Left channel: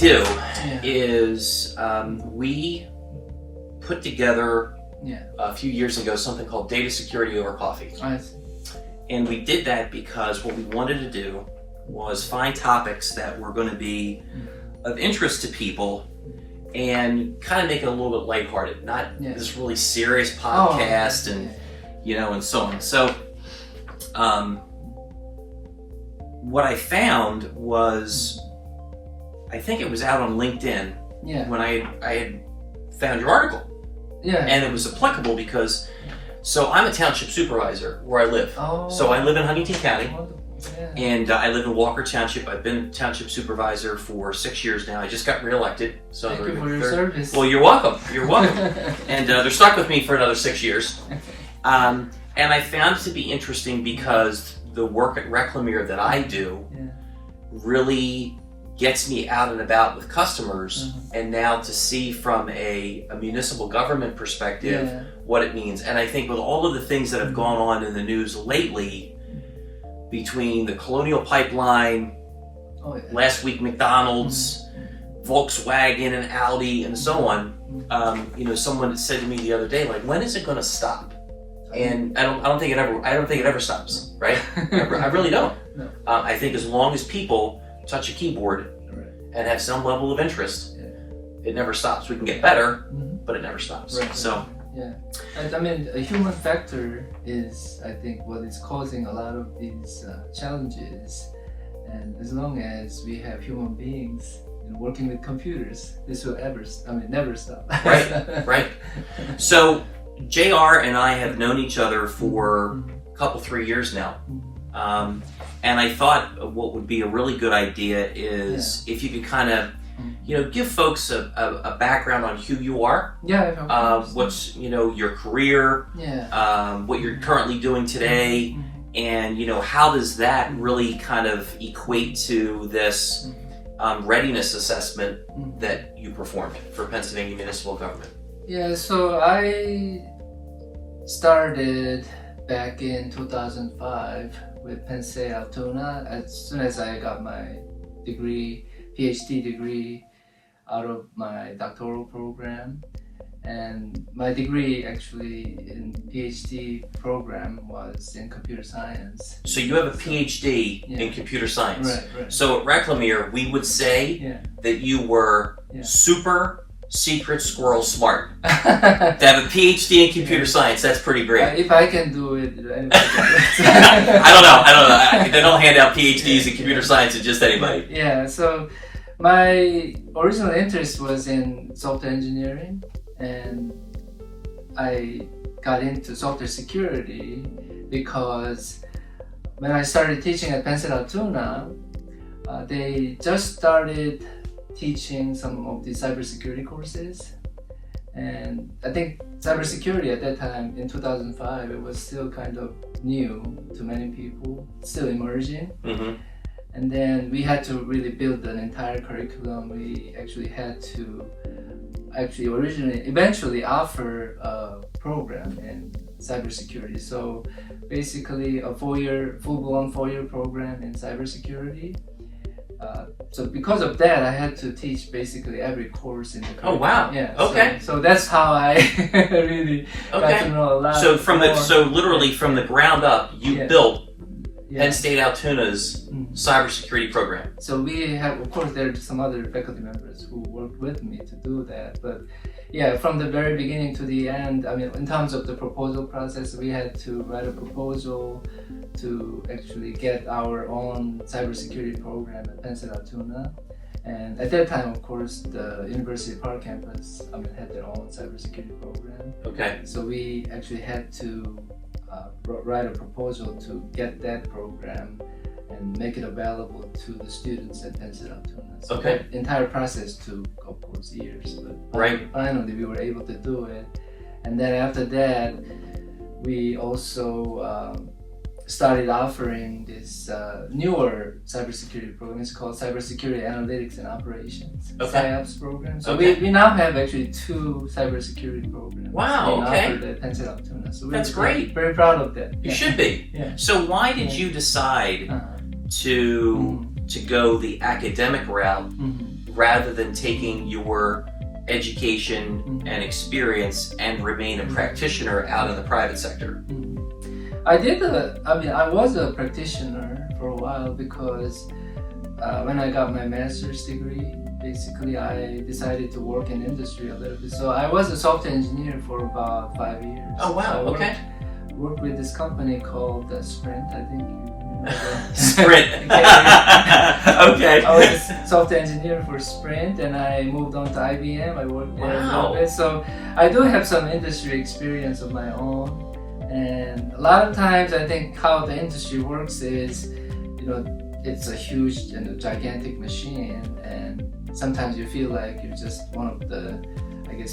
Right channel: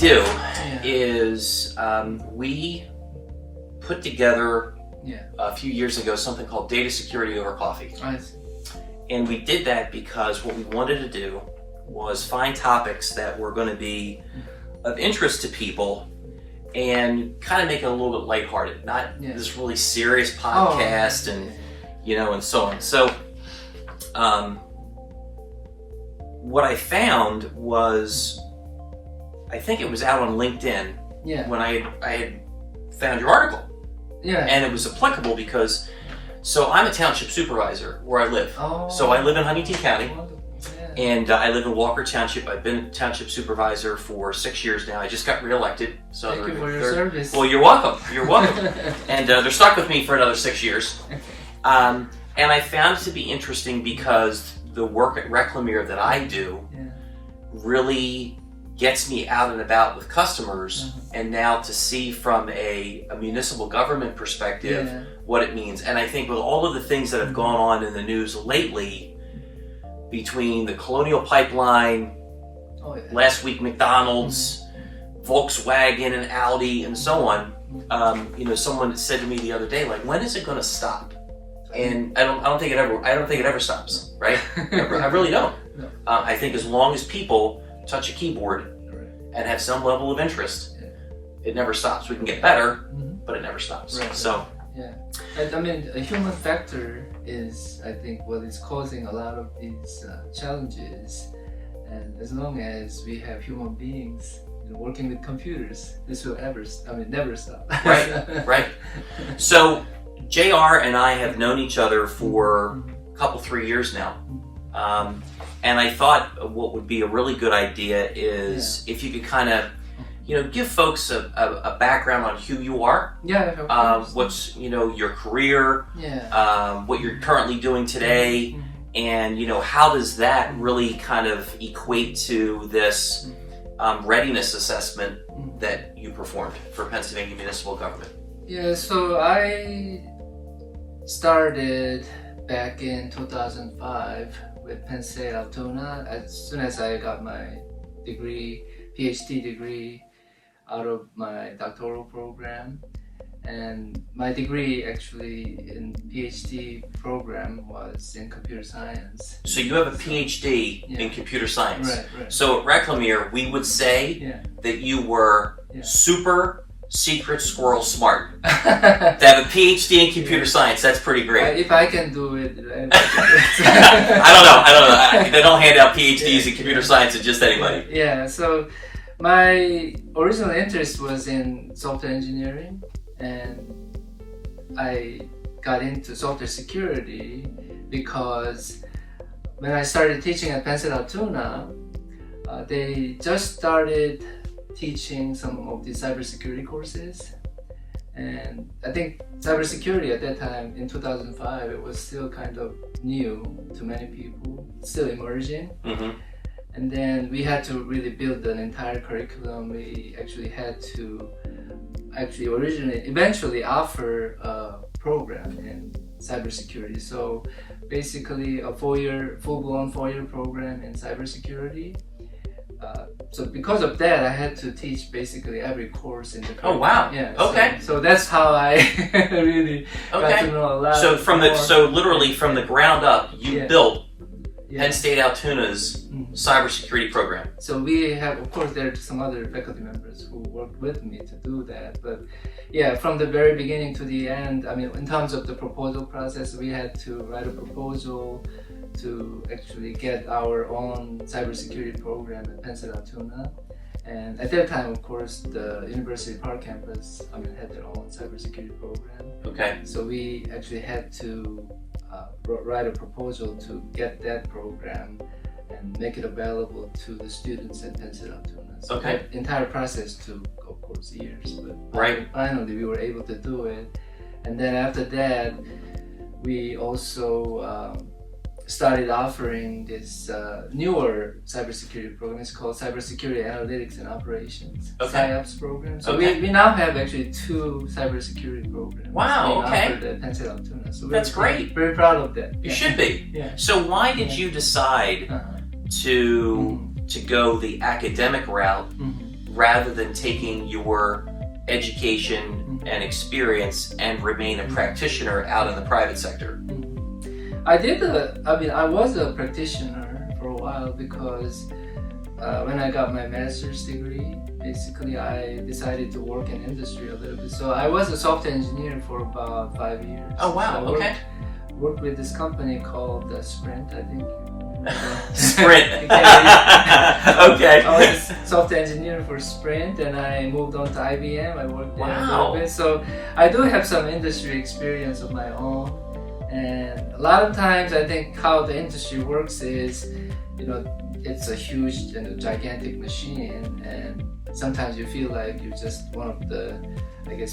do is we put together a few years ago something called Data Security Over Coffee. I see. And we did that because what we wanted to do was find topics that were going to be of interest to people and kind of make it a little bit lighthearted, not this really serious podcast and so on. So what I found was, I think it was out on LinkedIn when I had found your article. And it was applicable because, so I'm a township supervisor where I live. So I live in Huntington County. And I live in Walker Township. I've been a township supervisor for 6 years now. I just got reelected. So Thank you for your service. Well, you're welcome. You're welcome. And they're stuck with me for another 6 years. And I found it to be interesting because the work at Reclamere that I do really gets me out and about with customers, and now to see from a municipal government perspective what it means. And I think with all of the things that have gone on in the news lately, between the Colonial Pipeline, last week McDonald's, Volkswagen and Audi and so on, someone said to me the other day, like, when is it going to stop? And I don't think it ever stops, right? I really don't. No. I think as long as people touch a keyboard and have some level of interest, it never stops. We can get better, but it never stops. So. And I mean, a human factor is, I think, what is causing a lot of these challenges. And as long as we have human beings working with computers, this will never stop. Right. So JR and I have known each other for a couple, 3 years now. And I thought what would be a really good idea is if you could kind of give folks a background on who you are. What's your career. What you're currently doing today, and how does that really kind of equate to this readiness assessment that you performed for Pennsylvania municipal government? So I started back in 2005 with Penn State Altoona. As soon as I got my degree, PhD degree, out of my doctoral program, and my degree actually in PhD program was in computer science. So you have a PhD in computer science. Right. So at Reclamere, we would say that you were super secret squirrel smart. To have a PhD in computer science, that's pretty great. If I can do it, I don't know. They don't hand out PhDs in computer science to just anybody. So my original interest was in software engineering, and I got into software security because when I started teaching at Penn State Altoona, they just started teaching some of the cybersecurity courses. And I think cybersecurity at that time, in 2005, it was still kind of new to many people, still emerging. And then we had to really build an entire curriculum. We actually had to eventually offer a program in cybersecurity. So basically a full-blown 4-year program in cybersecurity. So because of that, I had to teach basically every course in the curriculum. Oh wow! So that's how I really got to know a lot. So literally from the ground up, you built Penn State Altoona's cybersecurity program. So we have, of course, there are some other faculty members who worked with me to do that. But from the very beginning to the end, I mean, in terms of the proposal process, we had to write a proposal to actually get our own cybersecurity program at Penn State Altoona. And at that time, of course, the University Park campus, had their own cybersecurity program. So we actually had to write a proposal to get that program and make it available to the students at Penn State Altoona. So that entire process took, of course, years. But finally, we were able to do it. And then after that, we also started offering this newer cybersecurity program. It's called Cybersecurity Analytics and Operations, SciOps program. So we now have actually 2 cybersecurity programs being offered at Penn State Altoona. So that's great. Very proud of that. You should be. So why did you decide to go the academic route rather than taking your education and experience and remain a practitioner out in the private sector? I was a practitioner for a while because when I got my master's degree, basically I decided to work in industry a little bit. So I was a software engineer for about 5 years. Oh wow, so okay. Worked with this company called Sprint, I think. Sprint. Okay. I was a software engineer for Sprint, and I moved on to IBM. I worked there a little bit. So I do have some industry experience of my own. And a lot of times I think how the industry works is, it's a huge and a gigantic machine, and sometimes you feel like you're just one of the,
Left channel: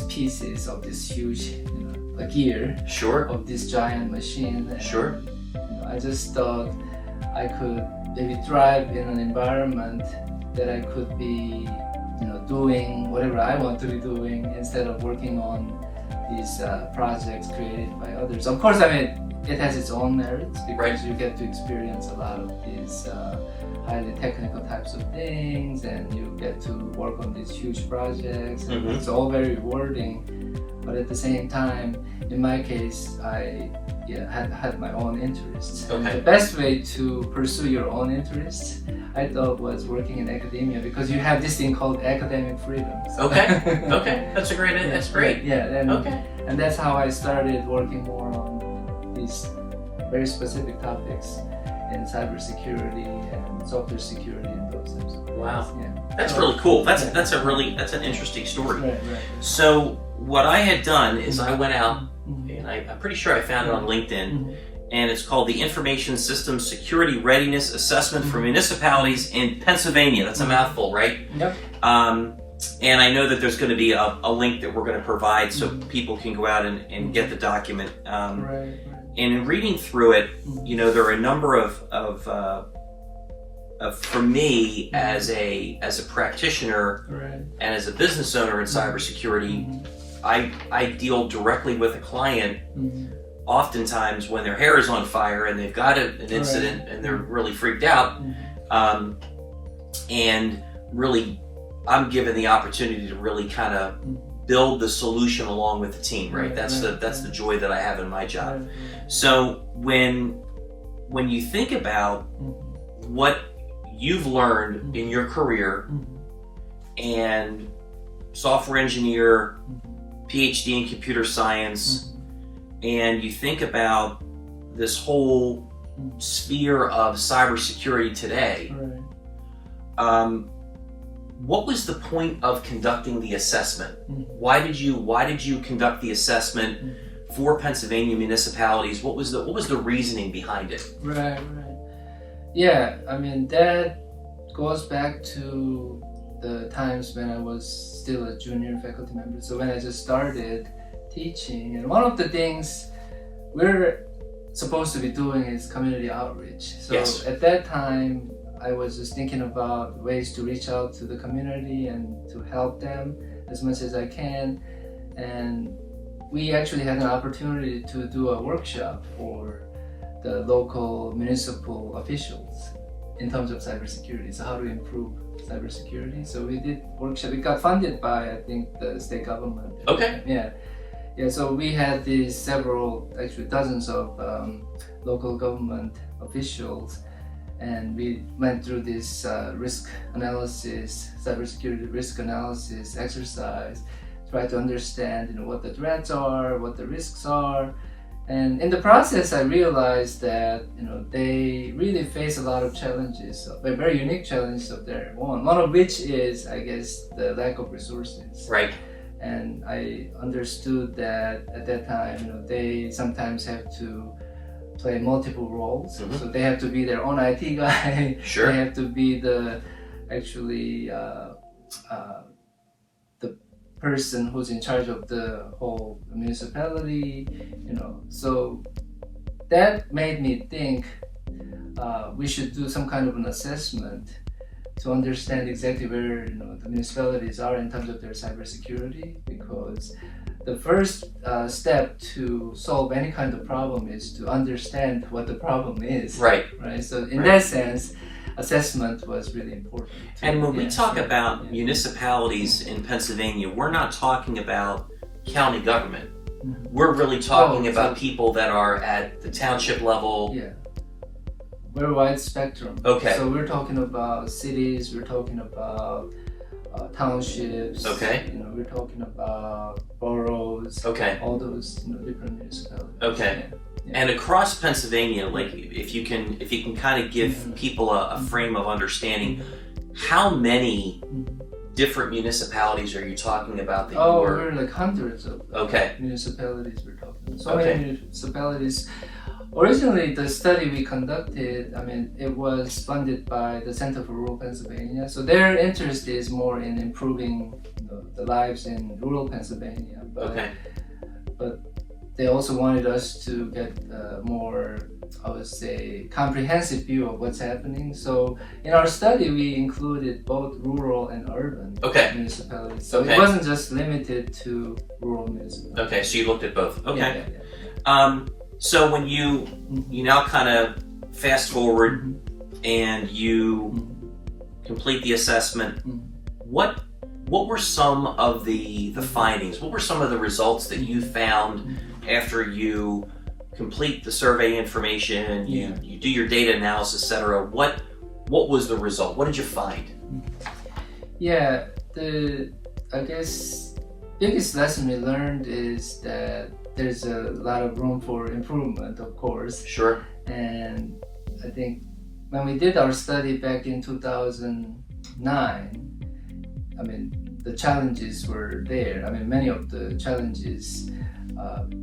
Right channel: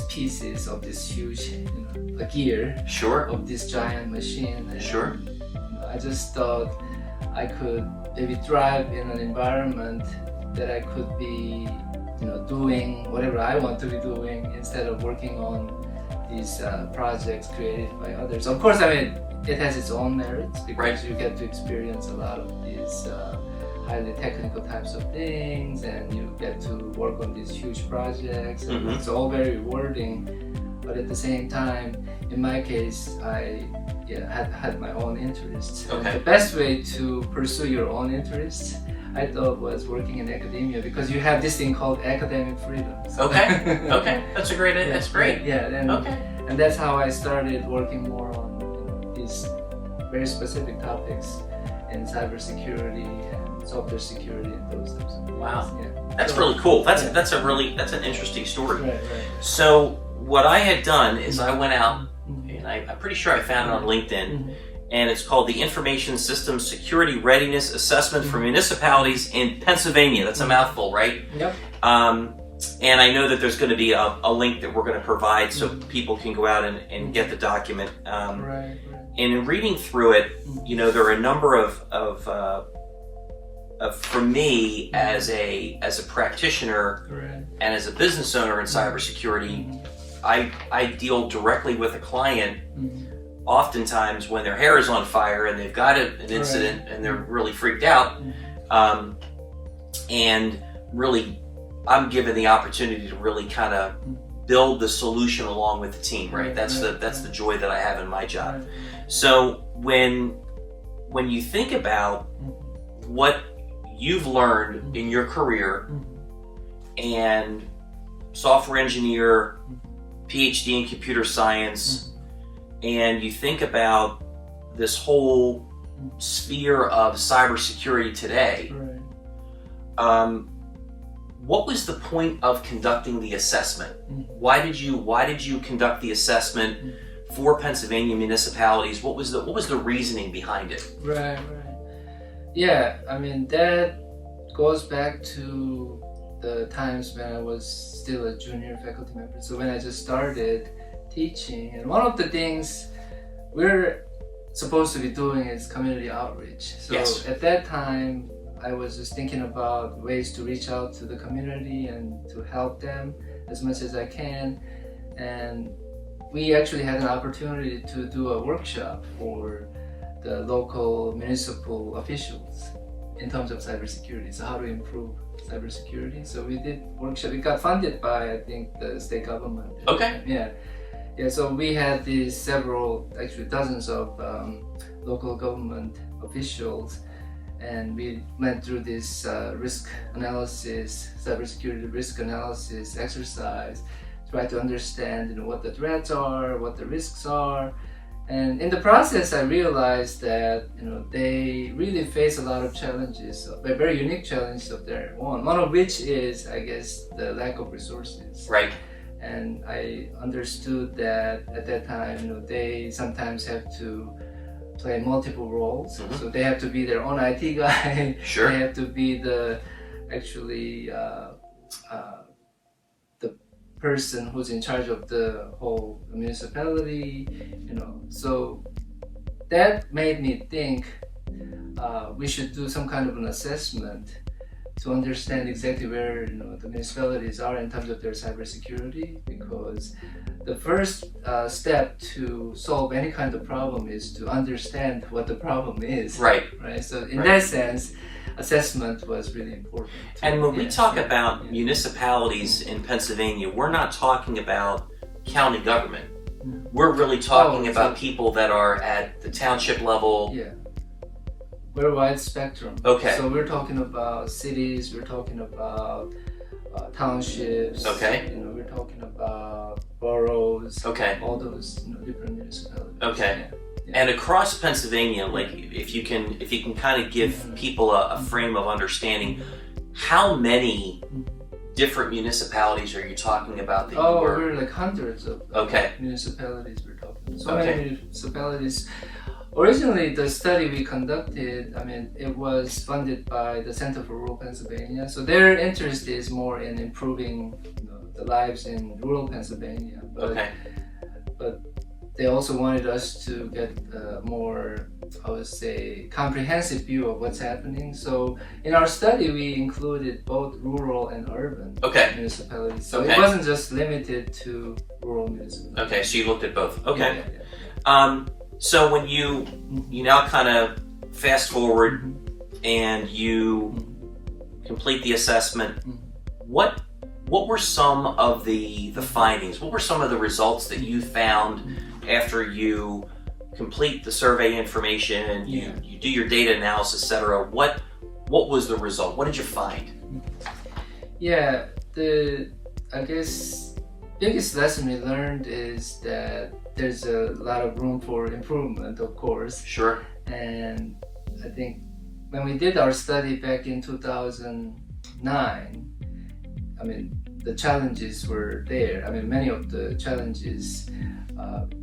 pieces of this huge, a gear of this giant machine. And, I just thought I could maybe thrive in an environment that I could be, doing whatever I want to be doing instead of working on these projects created by others. Of course, it has its own merits because you get to experience a lot of these highly technical types of things, and you get to work on these huge projects, and it's all very rewarding. But at the same time, in my case, I had my own interests. And the best way to pursue your own interests, I thought, was working in academia, because you have this thing called academic freedoms. Okay, that's a great. That's great. And that's how I started working more on these very specific topics in cybersecurity and software security and those types of things. Wow, that's really cool. That's an interesting story. Right. So what I had done is I went out, and I'm pretty sure I found it on LinkedIn, and it's called the Information Systems Security Readiness Assessment for Municipalities in Pennsylvania. That's a mouthful, right? Yep. And I know that there's going to be a link that we're going to provide so people can go out and get the document. And in reading through it, there are a number of for me as a practitioner and as a business owner in cybersecurity, I deal directly with a client oftentimes when their hair is on fire and they've got an incident and they're really freaked out, and really I'm given the opportunity to really kind of build the solution along with the team, right? That's the joy that I have in my job. So when you think about what you've learned in your career, and software engineer, PhD in computer science, and you think about this whole sphere of cybersecurity today, what was the point of conducting the assessment? Why did you conduct the assessment for Pennsylvania municipalities? What was the reasoning behind it? Right. Yeah, that goes back to the times when I was still a junior faculty member. So when I just started teaching, and one of the things we're supposed to be doing is community outreach. So at that time, I was just thinking about ways to reach out to the community and to help them as much as I can. And we actually had an opportunity to do a workshop for the local municipal officials in terms of cybersecurity. So how to improve cybersecurity. So we did workshop. We got funded by, I think, the state government. Yeah. So we had these dozens of local government officials, and we went through this risk analysis, cybersecurity risk analysis exercise, try to understand what the threats are, what the risks are. And in the process, I realized that they really face a lot of challenges, very unique challenges of their own. One of which is, I guess, the lack of resources. Right. And I understood that at that time, they sometimes have to play multiple roles. So they have to be their own IT guy. Sure. They have to be the person who's in charge of the whole municipality, So that made me think we should do some kind of an assessment to understand exactly where the municipalities are in terms of their cybersecurity, because the first step to solve any kind of problem is to understand what the problem is. Right. Right. So in that sense, assessment was really important. And when we talk about municipalities in Pennsylvania, we're not talking about county government. We're really talking about people that are at the township level. Yeah. Very wide spectrum. Okay. So we're talking about cities, we're talking about townships. Okay. We're talking about boroughs. Okay. All those different municipalities. Okay. Yeah. And across Pennsylvania, like if you can kind of give people a frame of understanding, how many different municipalities are you talking about that you were? We're like hundreds of municipalities we're talking about. So many municipalities. Originally, the study we conducted, it was funded by the Center for Rural Pennsylvania. So their interest is more in improving the lives in rural Pennsylvania. But they also wanted us to get a more, I would say, comprehensive view of what's happening. So in our study, we included both rural and urban municipalities. So it wasn't just limited to rural municipalities. Okay, so you looked at both. Okay. Yeah. So when you now kind of fast forward and you complete the assessment, what were some of the findings? What were some of the results that you found after you complete the survey information and you do your data analysis, etc.? What was the result? What did you find? Yeah, I guess biggest lesson we learned is that there's a lot of room for improvement, of course. Sure. And I think when we did our study back in 2009, the challenges were there. Many of the challenges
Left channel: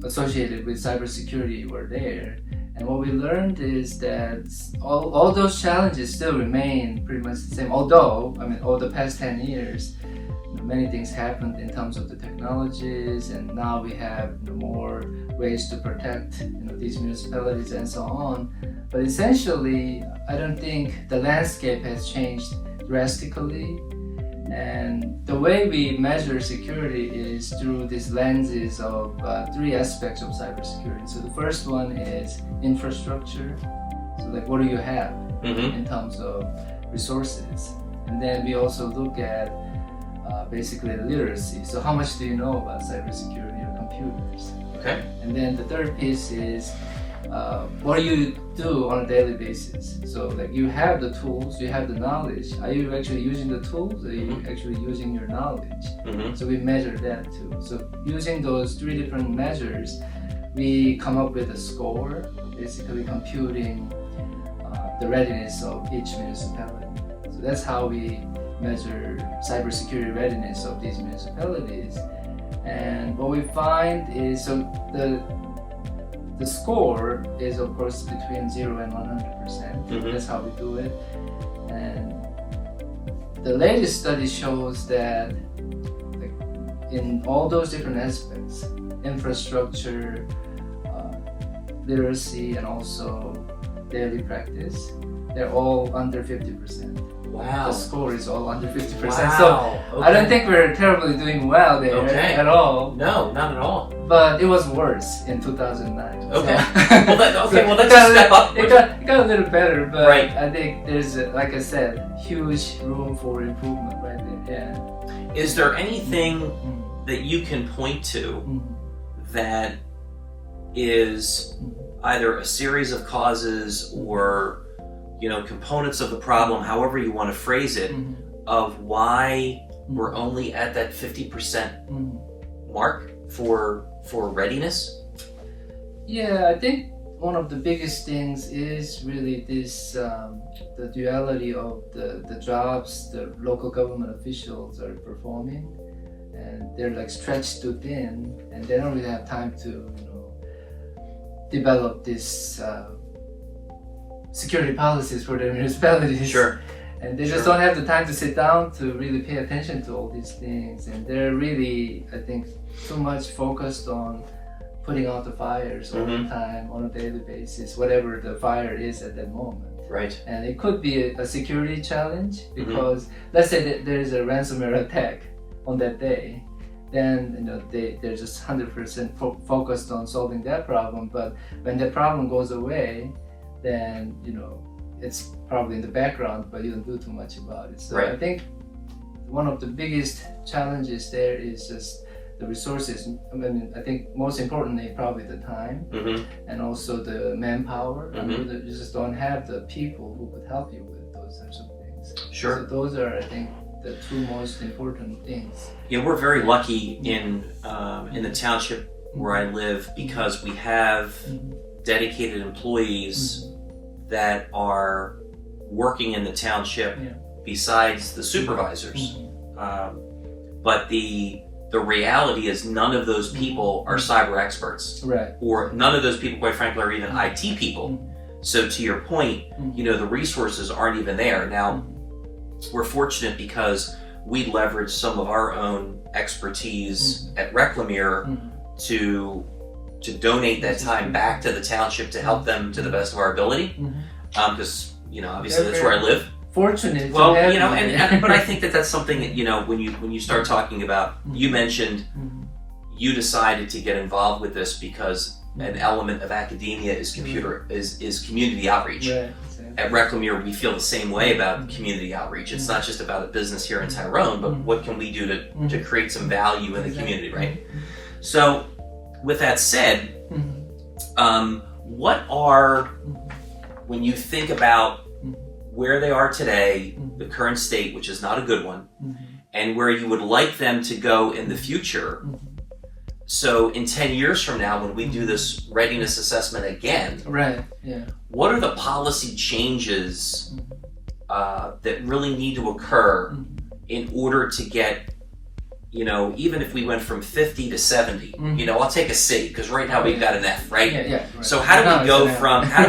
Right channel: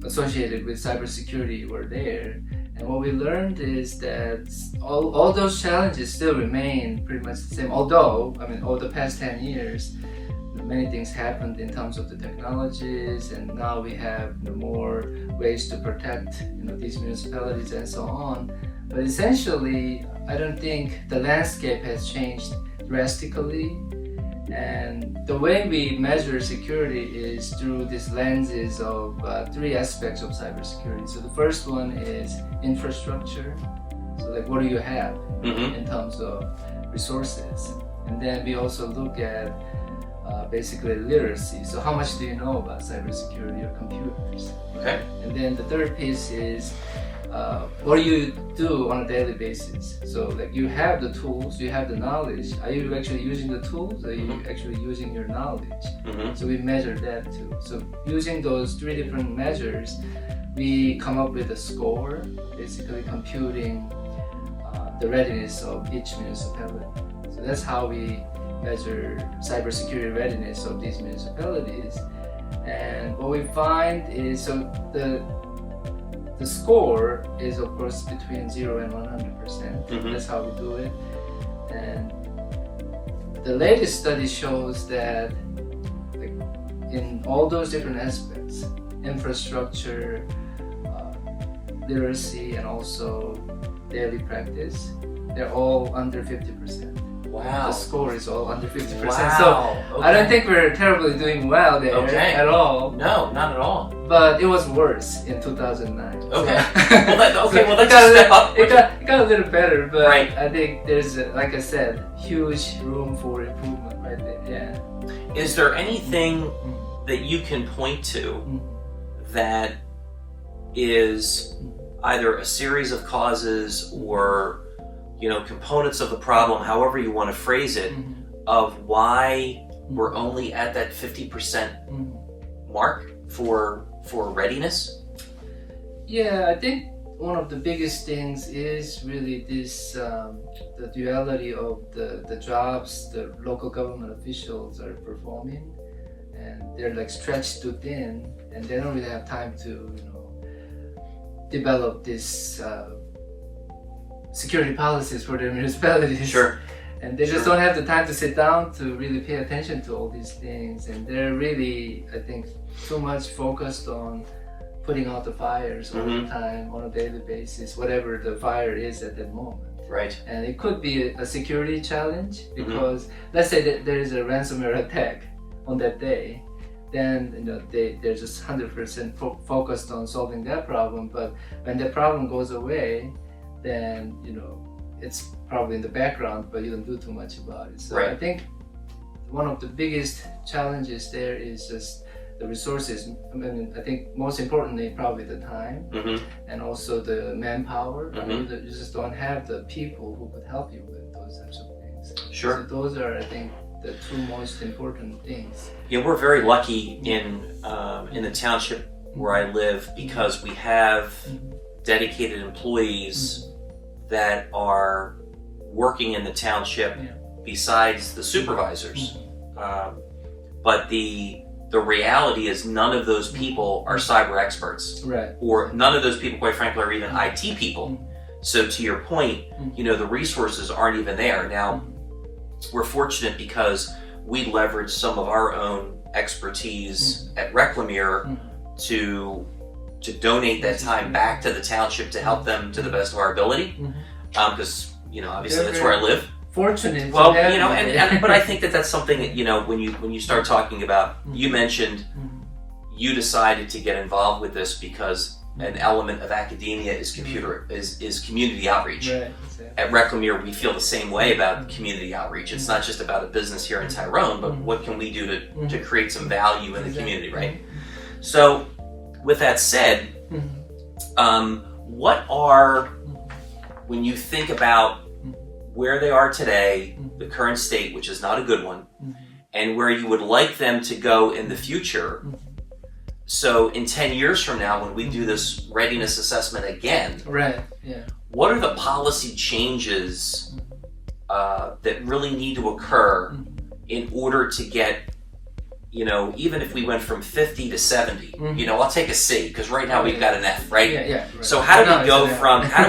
associated with cybersecurity were there. And what we learned is that all those challenges still remain pretty much the same. Although, over the past 10 years, many things happened in terms of the technologies, and now we have more ways to protect these municipalities and so on. But essentially, I don't think the landscape has changed drastically. And the way we measure security is through these lenses of three aspects of cybersecurity. So the first one is infrastructure. So like, what do you have in terms of resources? And then we also look at basically literacy. So how much do you know about cybersecurity or computers? Okay. And then the third piece is what do you do on a daily basis? So like, you have the tools, you have the knowledge. Are you actually using the tools? Are you actually using your knowledge? So we measure that too. So using those three different measures, we come up with a score, basically computing the readiness of each municipality. So that's how we measure cybersecurity readiness of these municipalities. And what we find is, so the score is of course between 0 and 100%. That's how we do it. And the latest study shows that in all those different aspects, infrastructure, literacy, and also daily practice, they're all under 50%. Wow. The score is all under 50%. Wow. So I don't think we're terribly doing well there at all. No, not at all. But it was worse in 2009. Okay. So, that's a step up. It got a little better, but Right. I think there's, like I said, huge room for improvement right there. Yeah. Is there anything that you can point to that is either a series of causes or components of the problem, however you want to phrase it, of why we're only at that 50% mark for readiness? Yeah, I think one of the biggest things is really this, the duality of the jobs the local government officials are performing, and they're like stretched too thin, and they don't really have time to develop this security policies for their municipalities. Sure. And they just don't have the time to sit down to really pay attention to all these things. And they're really, I think, too much focused on putting out the fires all the time on a daily basis, whatever the fire is at that moment. Right. And it could be a security challenge because let's say that there is a ransomware attack on that day. then they're just 100% focused on solving that problem. But when the problem goes away, then it's probably in the background, but you don't do too much about it. So I think one of the biggest challenges there is just the resources. I mean, I think most importantly probably the time, and also the manpower. I mean, you just don't have the people who could help you with those types of things. Sure. So those are, I think, the two most important things. We're very lucky in the township where I live, because we have dedicated employees that are working in the township besides the supervisors. But the reality is none of those people are cyber experts, or none of those people, quite frankly, are even IT people. So to your point, the resources aren't even there. Now, we're fortunate because we leverage some of our own expertise at Reclamere to donate that time back to the township to help them to the best of our ability. Because obviously that's where I live. Fortunate. Well, but I think that's something that when you start talking about, you mentioned you decided to get involved with this because an element of academia is community outreach. Right, exactly. At Reclamere, we feel the same way about community outreach. It's not just about a business here in Tyrone, but what can we do to create some value in the community, right? So, with that said, what are, when you think about where they are today, the current state, which is not a good one, and where you would like them to go in the future? So in 10 years from now, when we do this readiness assessment again, what are the policy changes that really need to occur in order to get, even if we went from 50 to 70, I'll take a C, because right now we've got an F, right? So how do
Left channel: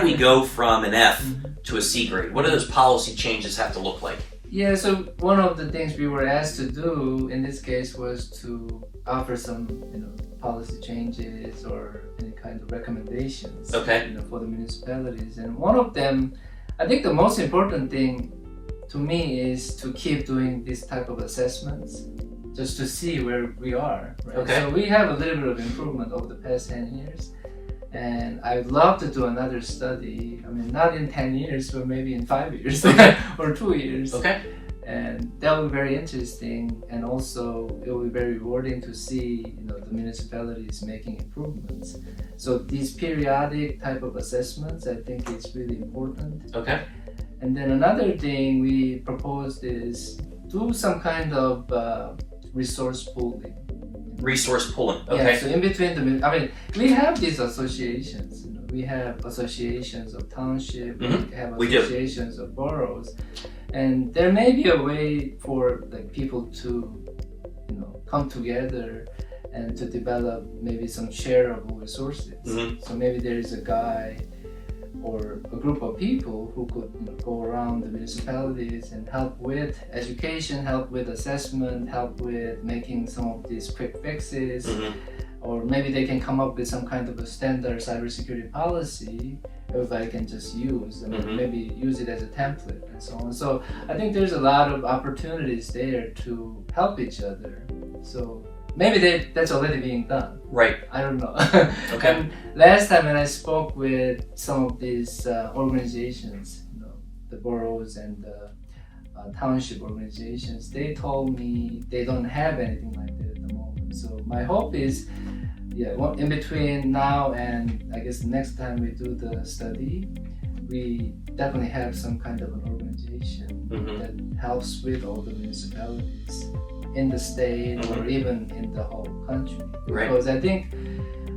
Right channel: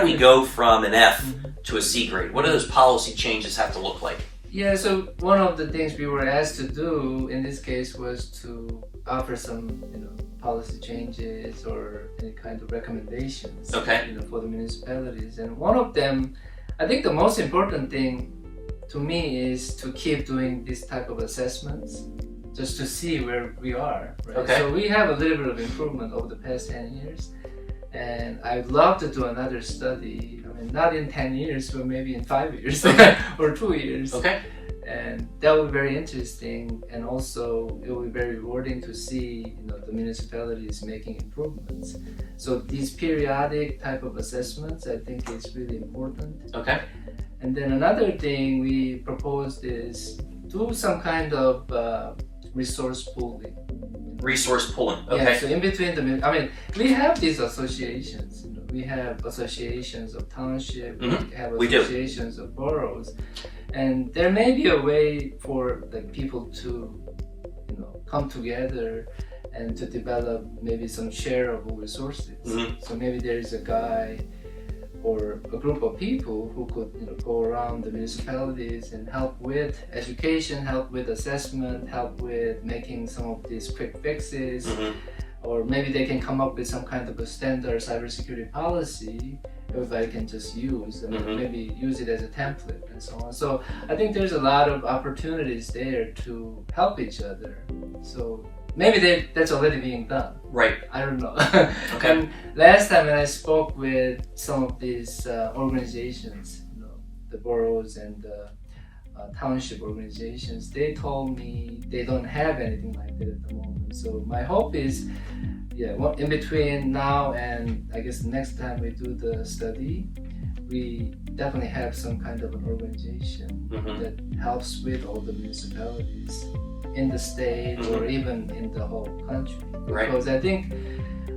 we go from an F to a C grade? What do those policy changes have to look like? Yeah, so one of the things we were asked to do in this case was to offer some, policy changes or any kind of recommendations, for the municipalities. And one of them, I think the most important thing to me is to keep doing this type of assessments, just to see where we are, right? So we have a little bit of improvement over the past 10 years. And I would love to do another study. I mean, not in 10 years, but maybe in 5 years or 2 years. And that would be very interesting. And also, it would be very rewarding to see, the municipalities making improvements. So these periodic type of assessments, I think is really important. And then another thing we proposed is do some kind of resource pooling. Resource pooling. Yeah, so in between we have these associations. We have associations of township. We have associations of boroughs, and there may be a way for people to, come together and to develop maybe some shareable resources. So maybe there is a guy or a group of people who could go around the municipalities and help with education, help with assessment, help with making some of these quick fixes, or maybe they can come up with some kind of a standard cybersecurity policy everybody can just use, and maybe use it as a template and so on. So I think there's a lot of opportunities there to help each other. So maybe that's already being done. Right. I don't know. And last time when I spoke with some of these organizations, the boroughs and the township organizations, they told me they don't have anything like that at the moment. So my hope is, in between now and I guess the next time we do the study, we definitely have some kind of an organization that helps with all the municipalities in the state or even in the whole country. Because I think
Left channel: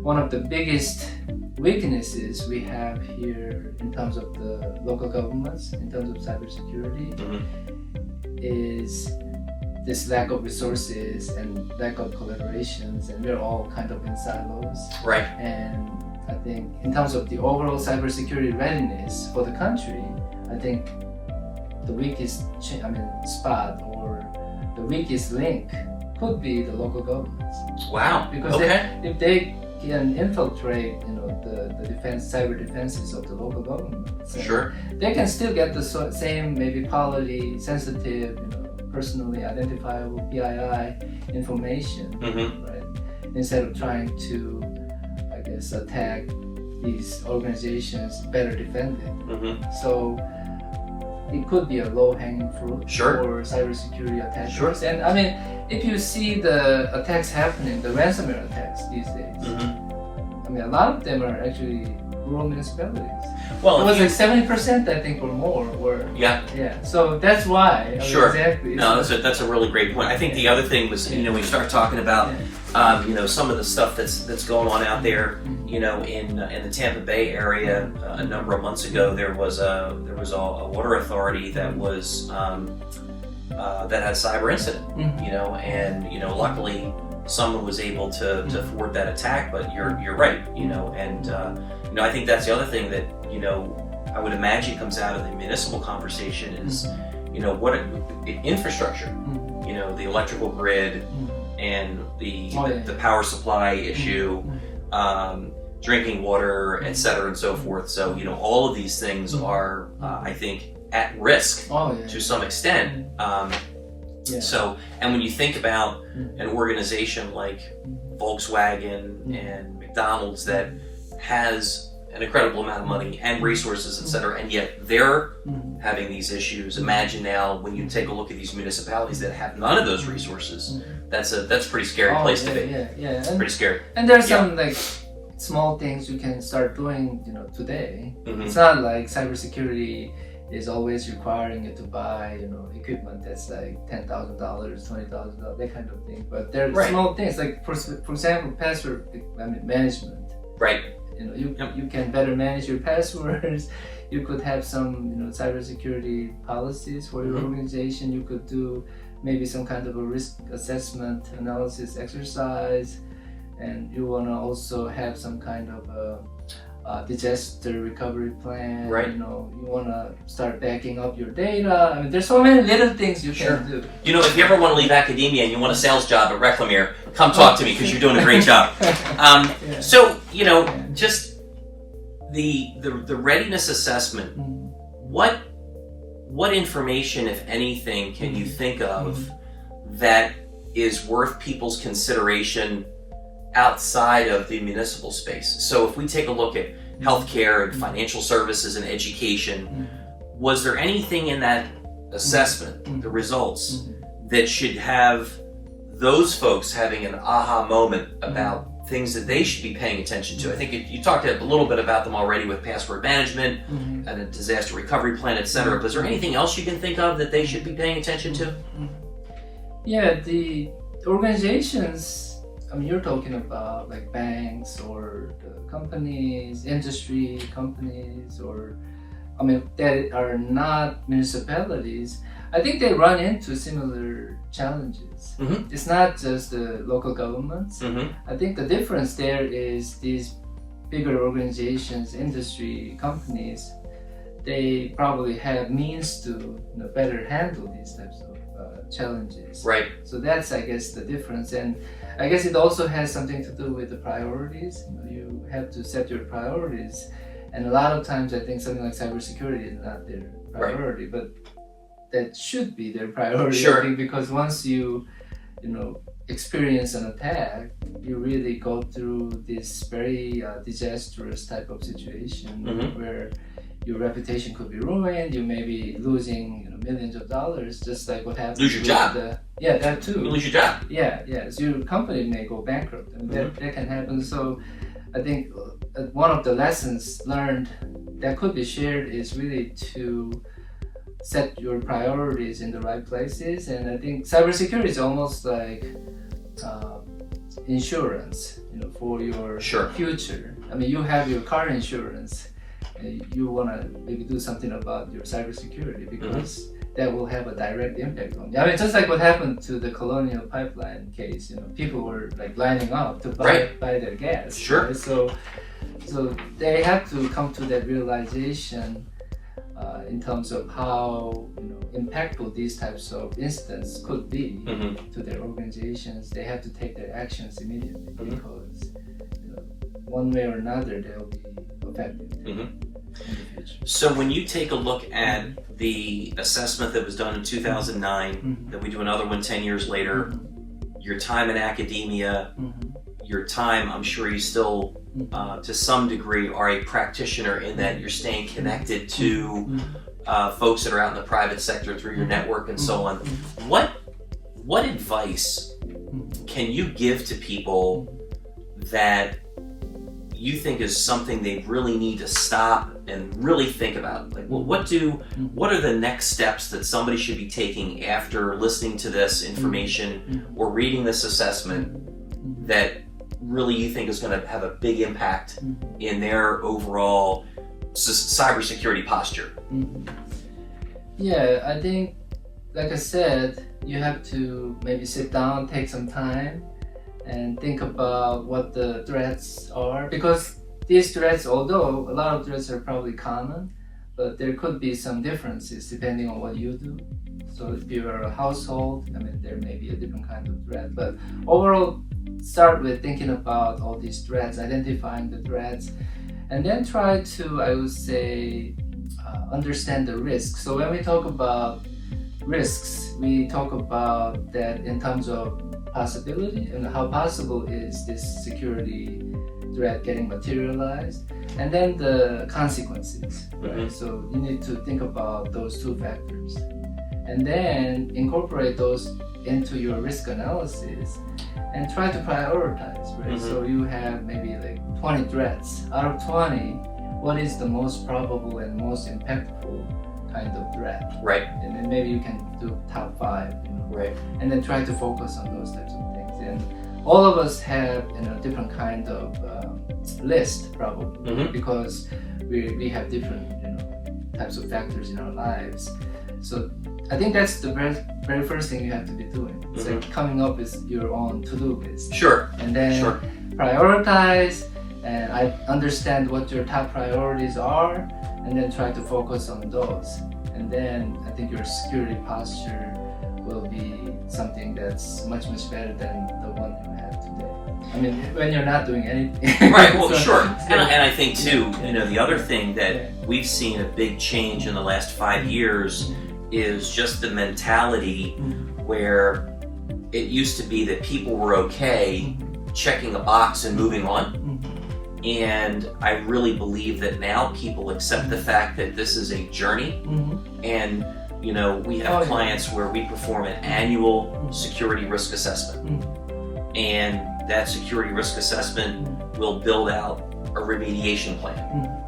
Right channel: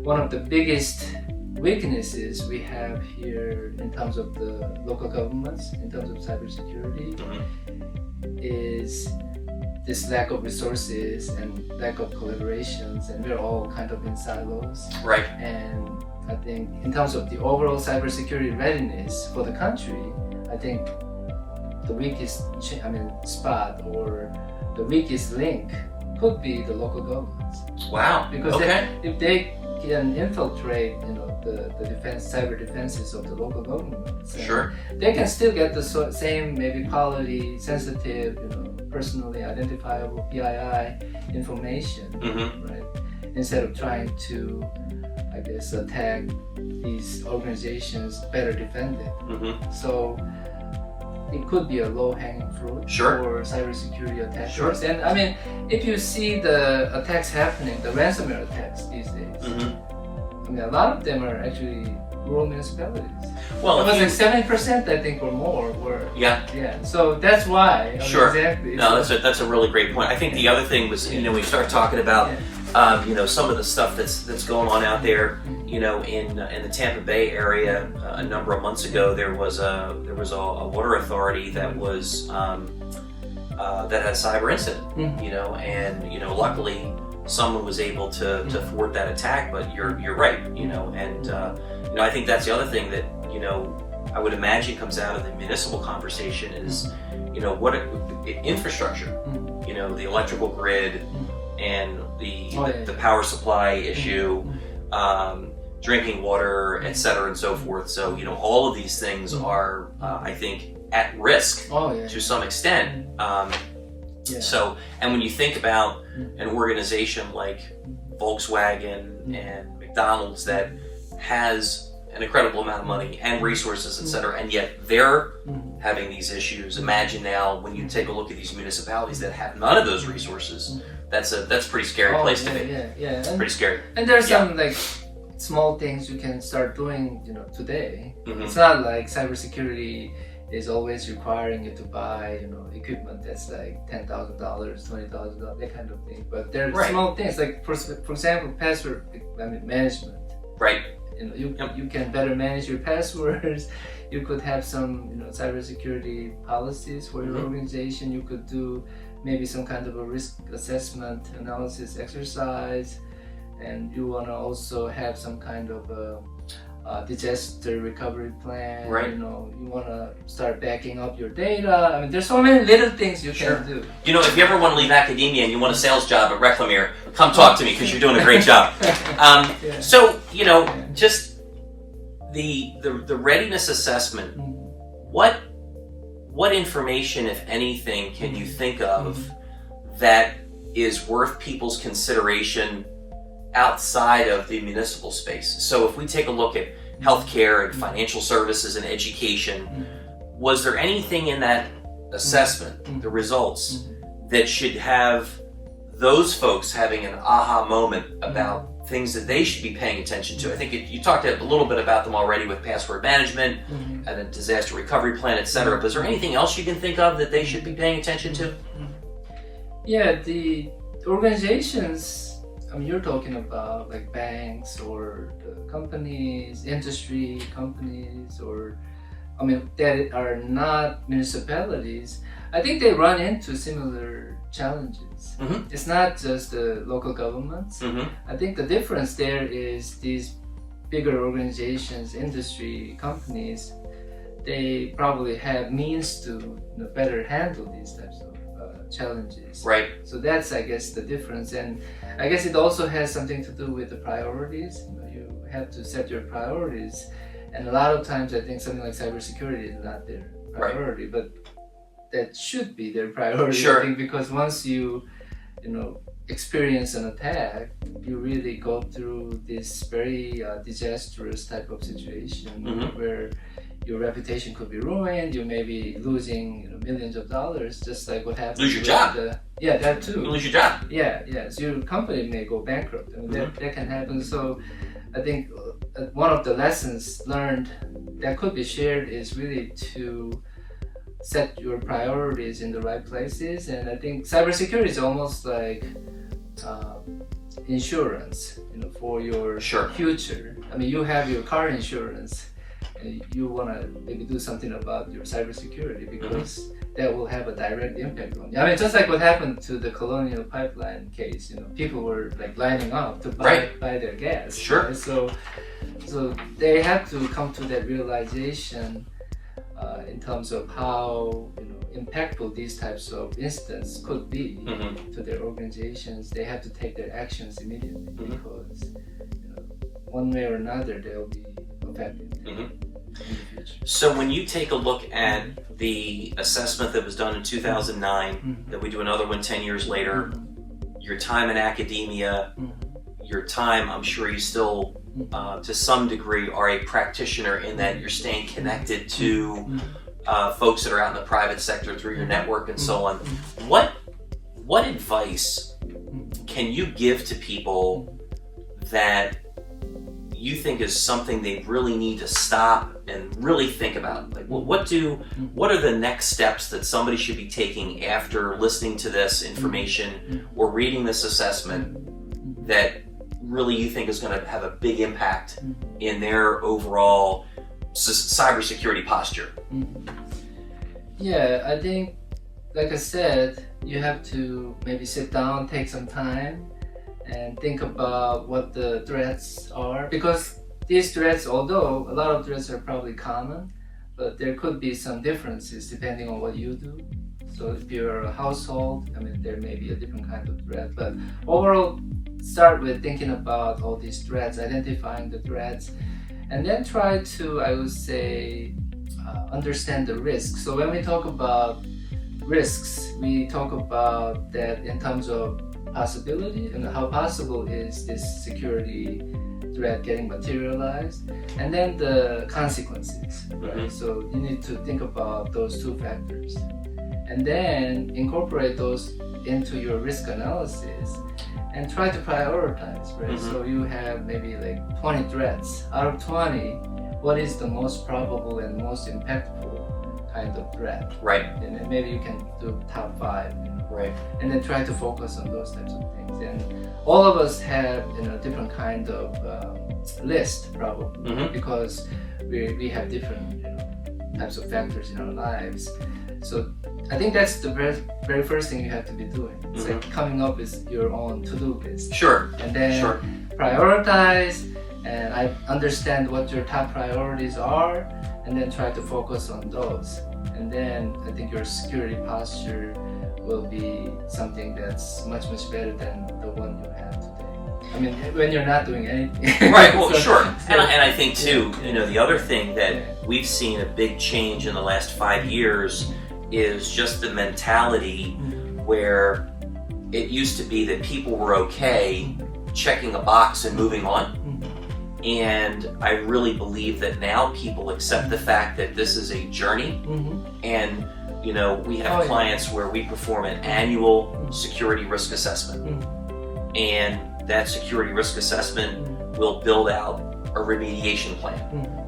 one of the biggest weaknesses we have here in terms of the local governments, in terms of cybersecurity, is this lack of resources and lack of collaborations, and we're all kind of in silos. And I think in terms of the overall cybersecurity readiness for the country, I think the weakest spot or the weakest link could be the local governments. Because if they can infiltrate, the cyber defenses of the local governments, they can still get the same maybe quality sensitive, personally identifiable PII information, right? Instead of trying to, I guess, attack these organizations better defended. So it could be a low-hanging fruit for cybersecurity attackers. And I mean, if you see the attacks happening, the ransomware attacks these days, I mean, a lot of them are actually rural municipalities. Well, it was like 70%, I think, or more. Yeah. So that's why. Exactly. No, that's a really great point. I think the other thing was, you know, we start talking about, you know, some of the stuff that's going on out there. You know, in the Tampa Bay area, a number of months ago, there was a water authority that was that had a cyber incident. You know, and you know, luckily someone was able to thwart that attack. But you're right. You know, and you know, I think that's the other thing that, you know, I would imagine comes out of the municipal conversation is, you know, what infrastructure, you know, the electrical grid and the power supply issue, drinking water, et cetera, and so forth. So, you know, all of these things are, I think, at risk to some extent. So, and when you think about an organization like Volkswagen and McDonald's that has an incredible amount of money and resources, etc., and yet they're having these issues. Imagine now when you take a look at these municipalities that have none of those resources. That's a pretty scary place to be. It's pretty scary. And there's some like small things you can start doing, you know, today. It's not like cybersecurity is always requiring you to buy, you know, equipment that's like $10,000, $20,000, that kind of thing. But there are small things like, for example, password management. Right. You know, you can better manage your passwords. You could have some, you know, cybersecurity policies for your organization. You could do maybe some kind of a risk assessment analysis exercise, and you want to also have some kind of a disaster recovery plan. Right. You know, you want to start backing up your data. I mean, there's so many little things you can do. You know, if you ever want to leave academia and you want a sales job at Reclamere, come talk to me because you're doing a great job. So, you know, just the readiness assessment. What information, if anything, can you think of that is worth people's consideration outside of the municipal space? So if we take a look at healthcare and financial services and education, was there anything in that assessment, the results, that should have those folks having an aha moment about things that they should be paying attention to? I think you talked a little bit about them already with password management and a disaster recovery plan, etc. But is there anything else you can think of that they should be paying attention to? Yeah, the organizations, I mean, you're talking about like banks or the companies, industry companies, or, I mean, that are not municipalities. I think they run into similar challenges. It's not just the local governments. I think the difference there is these bigger organizations, industry companies, they probably have means to, you know, better handle these types of challenges. Right. So that's, I guess, the difference. And I guess it also has something to do with the priorities. You know, you have to set your priorities. And a lot of times I think something like cybersecurity is not their priority, but that should be their priority. I think, because once you know, experience an attack, you really go through this very disastrous type of situation where your reputation could be ruined. You may be losing, you know, millions of dollars, just like what happened. Lose your job. That too. You lose your job. So your company may go bankrupt. I mean, that can happen. So I think one of the lessons learned that could be shared is really to set your priorities in the right places. And I think cybersecurity is almost like insurance, you know, for your future. I mean, you have your car insurance, and you want to maybe do something about your cybersecurity because that will have a direct impact on you. I mean, just like what happened to the Colonial Pipeline case, you know, people were like lining up to buy their gas. Right? So they have to come to that realization in terms of how, you know, impactful these types of incidents could be to their organizations. They have to take their actions immediately because, you know, one way or another they'll be affected in the future. So when you take a look at the assessment that was done in 2009, that we do another one 10 years later, your time in academia, your time, I'm sure you still, to some degree, are a practitioner in that you're staying connected to folks that are out in the private sector through your network and so on. What advice can you give to people that you think is something they really need to stop and really think about? Like, well, what are the next steps that somebody should be taking after listening to this information or reading this assessment that really you think is going to have a big impact in their overall cybersecurity posture? Yeah, I think, like I said, you have to maybe sit down, take some time, and think about what the threats are, because these threats, although a lot of threats are probably common, but there could be some differences depending on what you do. So if you're a household, I mean, there may be a different kind of threat, but overall, start with thinking about all these threats, identifying the threats, and then try to, I would say, understand the risks. So when we talk about risks, we talk about that in terms of possibility and how possible is this security threat getting materialized, and then the consequences, right? So you need to think about those two factors and then incorporate those into your risk analysis and try to prioritize, right? So you have maybe like 20 threats. Out of 20, what is the most probable and most impactful kind of threat? Right. And then maybe you can do top 5, right? And then try to focus on those types of things. And all of us have, different kind of list probably, because we have different, types of factors in our lives. So I think that's the very first thing you have to be doing. It's like coming up with your own to-do list. Sure. And then prioritize, and I understand what your top priorities are, and then try to focus on those. And then I think your security posture will be something that's much better than the one you have today. I mean, when you're not doing anything. Right, well, sure. And I think too, the other thing that we've seen a big change in the last 5 years is just the mentality where it used to be that people were okay checking a box and moving on. And I really believe that now people accept the fact that this is a journey. And we have clients where we perform an annual security risk assessment. And that security risk assessment will build out a remediation plan.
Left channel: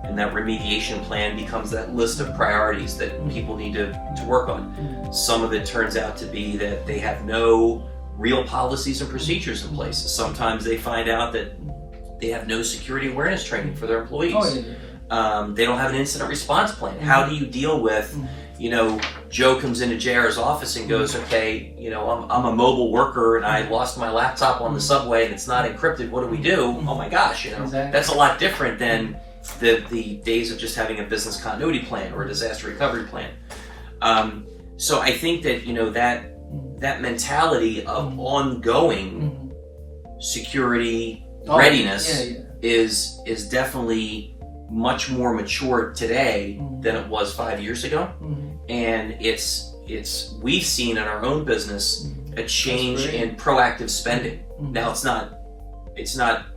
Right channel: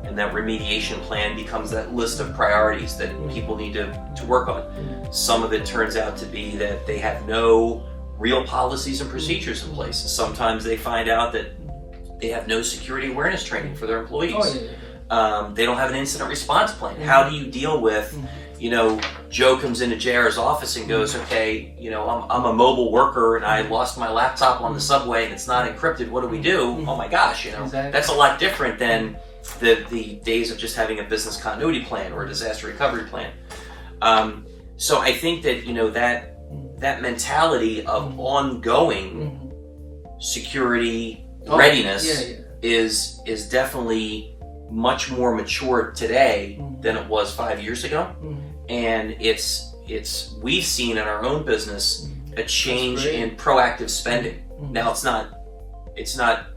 And that remediation plan becomes that list of priorities that people need to work on. Some of it turns out to be that they have no real policies and procedures in place. Sometimes they find out that they have no security awareness training for their employees. They don't have an incident response plan. How do you deal with, Joe comes into JR's office and goes, okay, I'm a mobile worker and I lost my laptop on the subway and it's not encrypted. What do we do? Oh my gosh, that's a lot different than the days of just having a business continuity plan or a disaster recovery plan. So I think that, that mentality of ongoing security readiness is definitely much more mature today than it was 5 years ago. And we've seen in our own business a change in proactive spending. Now it's not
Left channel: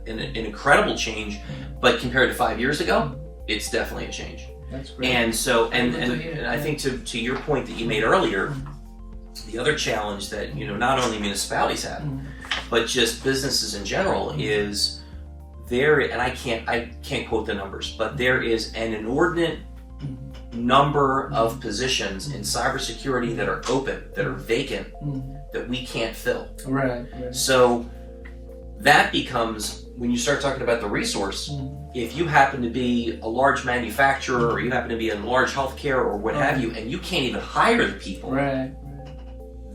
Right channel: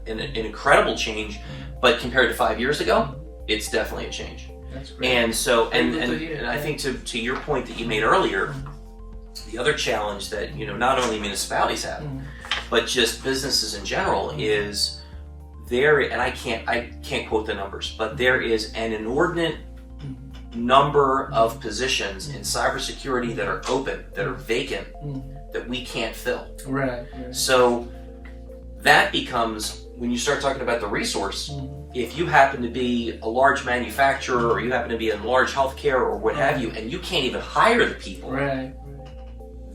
an incredible change, but compared to 5 years ago, it's definitely a change. That's great. And so and I think to your point that you made earlier, the other challenge that not only municipalities have, but just businesses in general is there, and I can't quote the numbers, but there is an inordinate number of positions in cybersecurity that are open, that are vacant, that we can't fill. Right. So that becomes, when you start talking about the resource, if you happen to be a large manufacturer or you happen to be in large healthcare or what have you, and you can't even hire the people,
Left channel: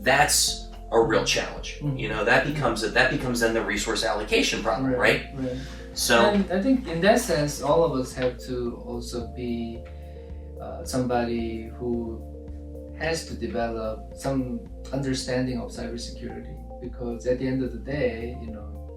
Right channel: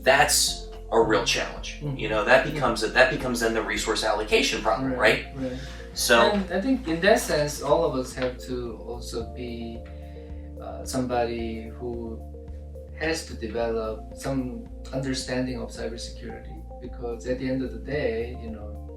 that's a real challenge. That becomes then the resource allocation problem, right? So, and I think in that sense, all of us have to also be somebody who has to develop some understanding of cybersecurity, because at the end of the day,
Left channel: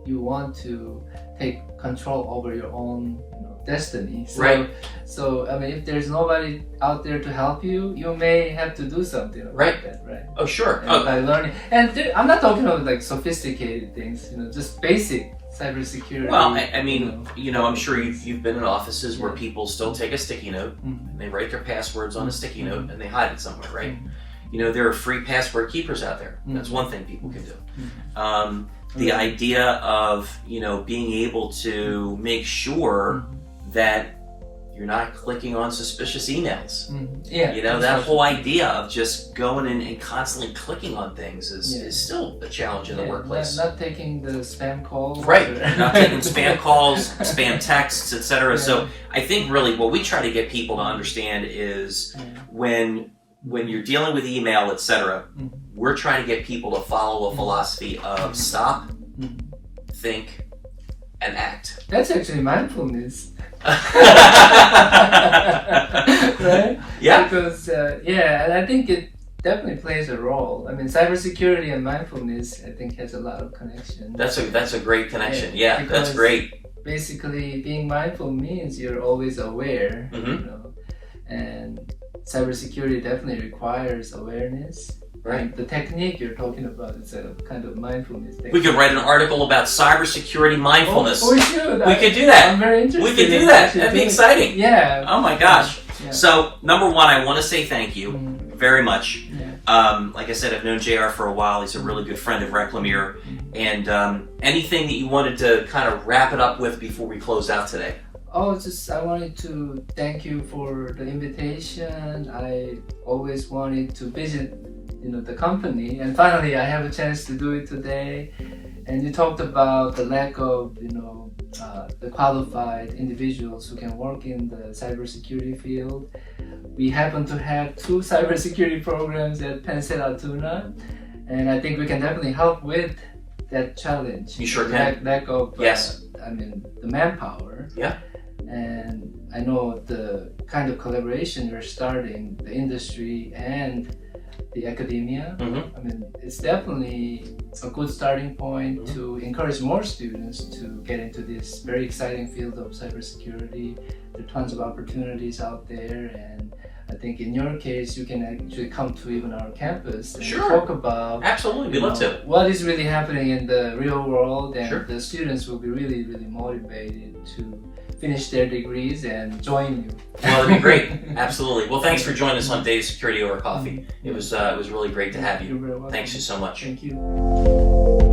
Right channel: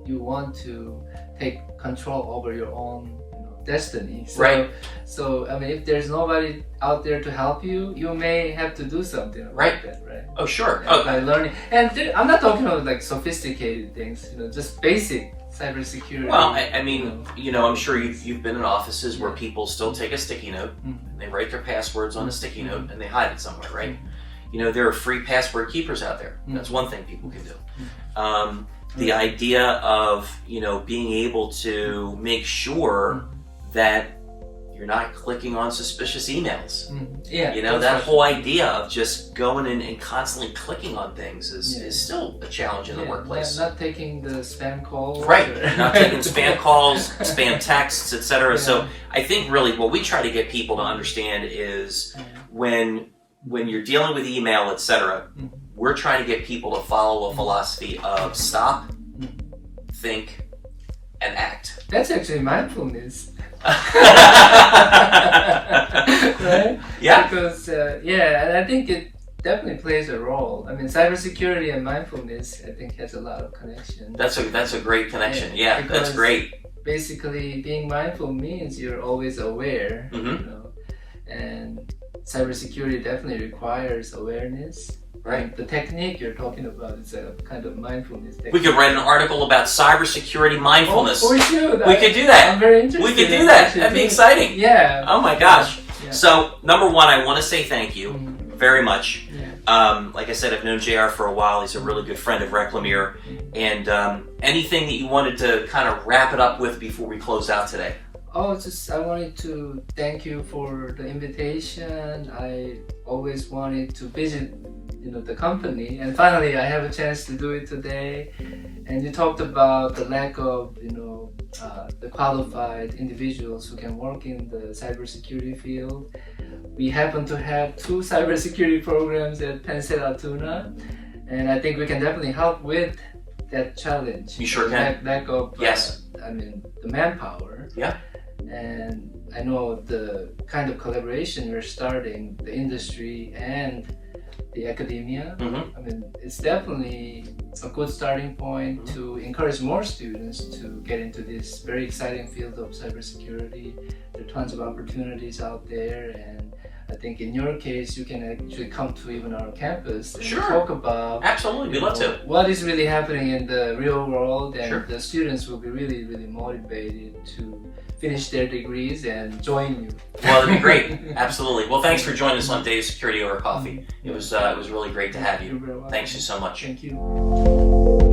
you want to take control over your own destiny. So, Right. So I mean, if there's nobody out there to help you, you may have to do something about Right. that, right? Oh, sure. And by learning, and I'm not talking about like sophisticated things, you know, just basic cybersecurity. Well, I mean, you know, I'm sure you've been in offices where people still take a sticky note, and they write their passwords on a sticky note, and they hide it somewhere, right? You know, there are free password keepers out there. That's one thing people can do. The idea of, you know, being able to make sure that you're not clicking on suspicious emails. Yeah, you know, that whole idea of just going in and constantly clicking on things is still a challenge in the workplace. Not taking the spam calls. Right, not taking spam calls, spam texts, etc. So I think really what we try to get people to understand is when you're dealing with email, etc., we're trying to get people to follow a philosophy of stop, think, and act. That's actually mindfulness. Right? Yeah. Because and I think it definitely plays a role. I mean, cybersecurity and mindfulness, I think, has a lot of connection. That's a great connection. Yeah, that's great. Basically, being mindful means you're always aware, you know, and cybersecurity definitely requires awareness. Right. The technique you're talking about is a kind of mindfulness technique. We could write an article about cybersecurity mindfulness. We should. We could do that. I'm very interested. We could do that. That'd be exciting. Yeah. Oh my gosh. Yeah. So, number one, I want to say thank you very much. Yeah. Like I said, I've known JR for a while. He's a really good friend of Reclamere. And anything that you wanted to kind of wrap it up with before we close out today? Oh, I wanted to thank you for the invitation. I always wanted to visit, you know, the company, and finally I have a chance to do it today. And you talked about the lack of, you know, the qualified individuals who can work in the cybersecurity field. We happen to have 2 cybersecurity programs at Penn Altoona, and I think we can definitely help with that challenge. You sure can. Lack of, yes. The manpower. Yeah. And I know the kind of collaboration you're starting, the industry and the academia. I mean, it's definitely a good starting point to encourage more students to get into this very exciting field of cybersecurity. There are tons of opportunities out there, and I think in your case, you can actually come to even our campus and talk about we'd love to. What is really happening in the real world, and the students will be really, really motivated to finish their degrees and join you. Well, it'd be great. Absolutely. Well, thanks for joining us on Data Security Over Coffee. It was really great to have you. You're very welcome. Thanks you so much. Thank you.